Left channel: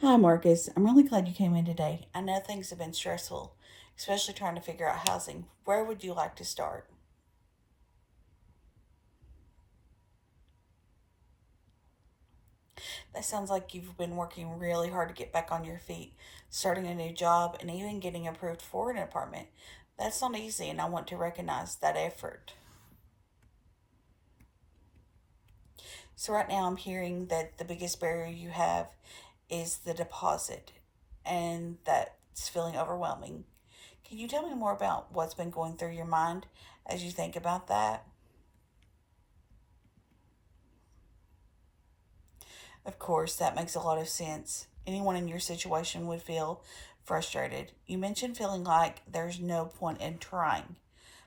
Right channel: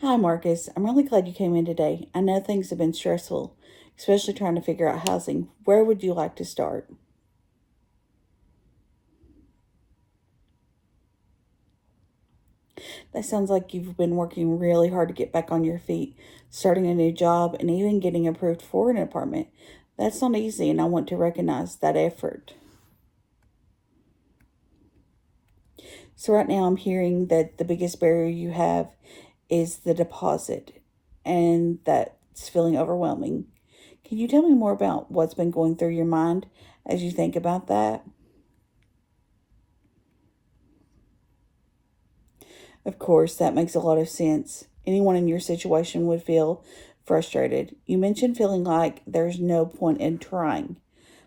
Hi, Marcus. I'm really glad you came in today. I know things have been stressful, especially trying to figure out housing. Where would you like to start? That sounds like you've been working really hard to get back on your feet, starting a new job, and even getting approved for an apartment. That's not easy, and I want to recognize that effort. So, right now, I'm hearing that the biggest barrier you have is the deposit, and that's feeling overwhelming. Can you tell me more about what's been going through your mind as you think about that? Of course, that makes a lot of sense. Anyone in your situation would feel frustrated. You mentioned feeling like there's no point in trying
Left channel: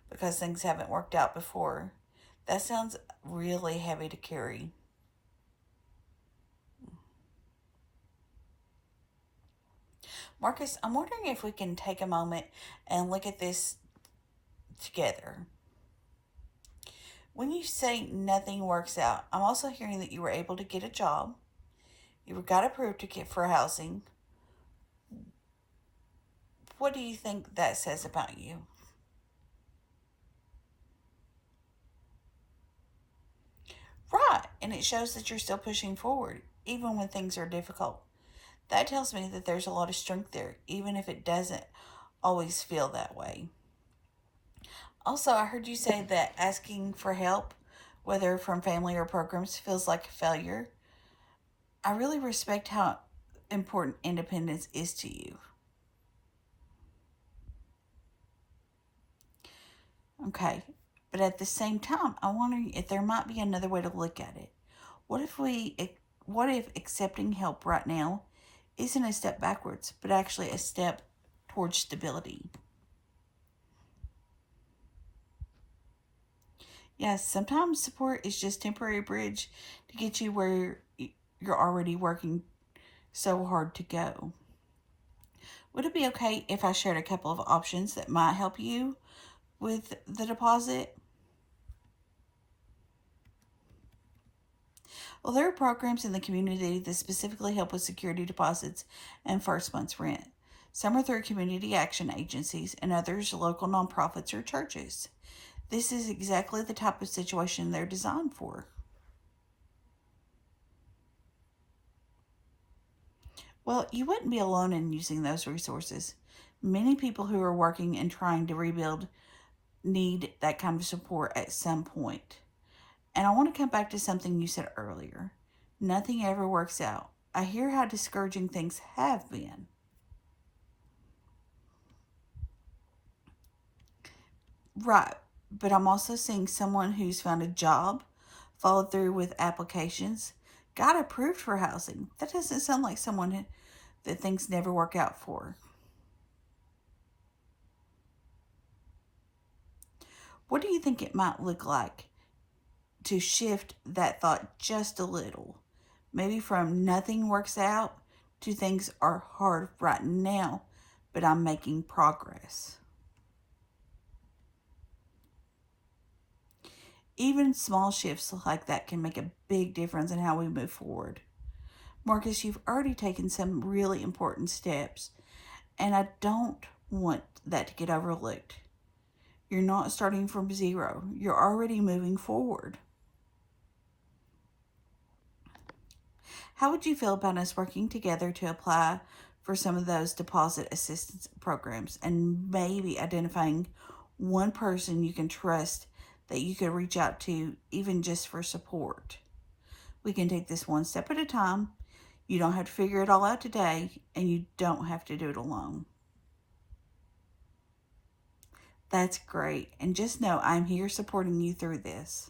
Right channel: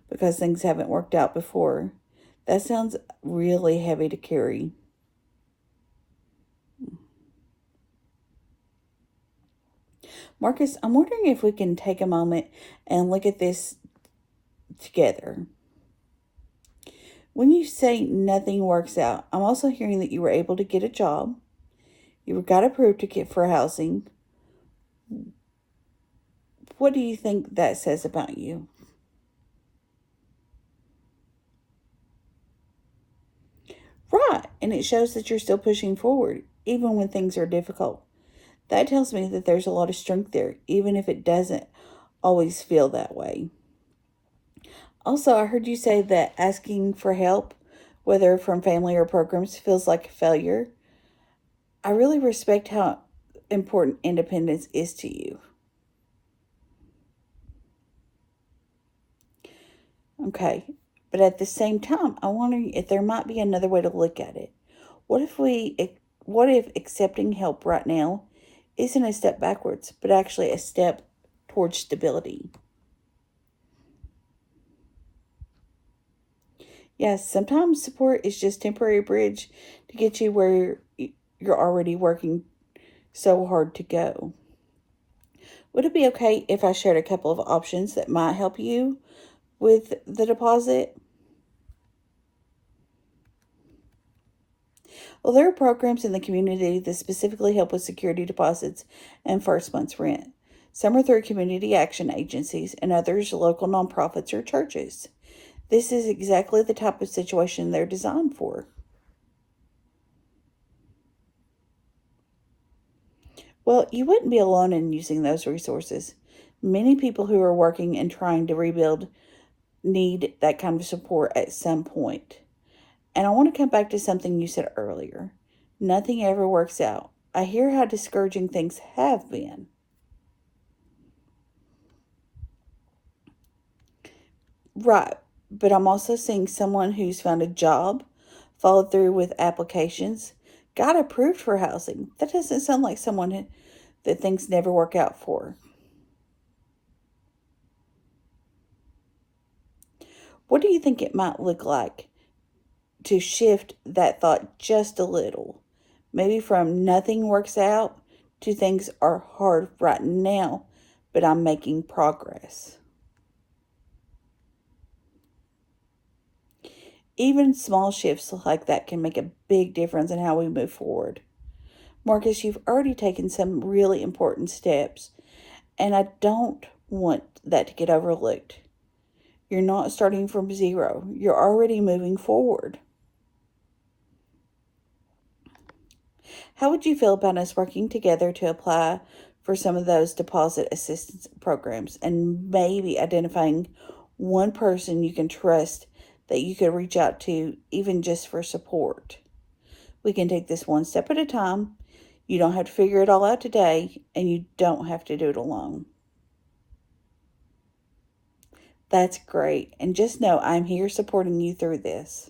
because things haven't worked out before. That sounds really heavy to carry. Marcus, I'm wondering if we can take a moment and look at this together. When you say nothing works out, I'm also hearing that you were able to get a job, you got approved to get for housing. What do you think that says about you? Right, and it shows that you're still pushing forward, even when things are difficult. That tells me that there's a lot of strength there, even if it doesn't always feel that way. Also, I heard you say that asking for help, whether from family or programs, feels like a failure. I really respect how important independence is to you. Okay, but at the same time, I'm wondering if there might be another way to look at it. What if we, what if accepting help right now isn't a step backwards, but actually a step towards stability? Yes, sometimes support is just temporary bridge to get you where you're already working so hard to go. Would it be okay if I shared a couple of options that might help you with the deposit? Well, there are programs in the community that specifically help with security deposits and first month's rent. Some are through community action agencies, and others local nonprofits or churches. This is exactly the type of situation they're designed for. Well, you wouldn't be alone in using those resources. Many people who are working and trying to rebuild need that kind of support at some point. And I want to come back to something you said earlier. Nothing ever works out. I hear how discouraging things have been. Right, but I'm also seeing someone who's found a job, followed through with applications, got approved for housing. That doesn't sound like someone that things never work out for. What do you think it might look like to shift that thought just a little? Maybe from nothing works out to things are hard right now, but I'm making progress. Even small shifts like that can make a big difference in how we move forward. Marcus, you've already taken some really important steps, and I don't want that to get overlooked. You're not starting from zero, you're already moving forward. How would you feel about us working together to apply for some of those deposit assistance programs and maybe identifying one person you can trust that you could reach out to, even just for support? We can take this one step at a time. You don't have to figure it all out today, and you don't have to do it alone. That's great. And just know I'm here supporting you through this.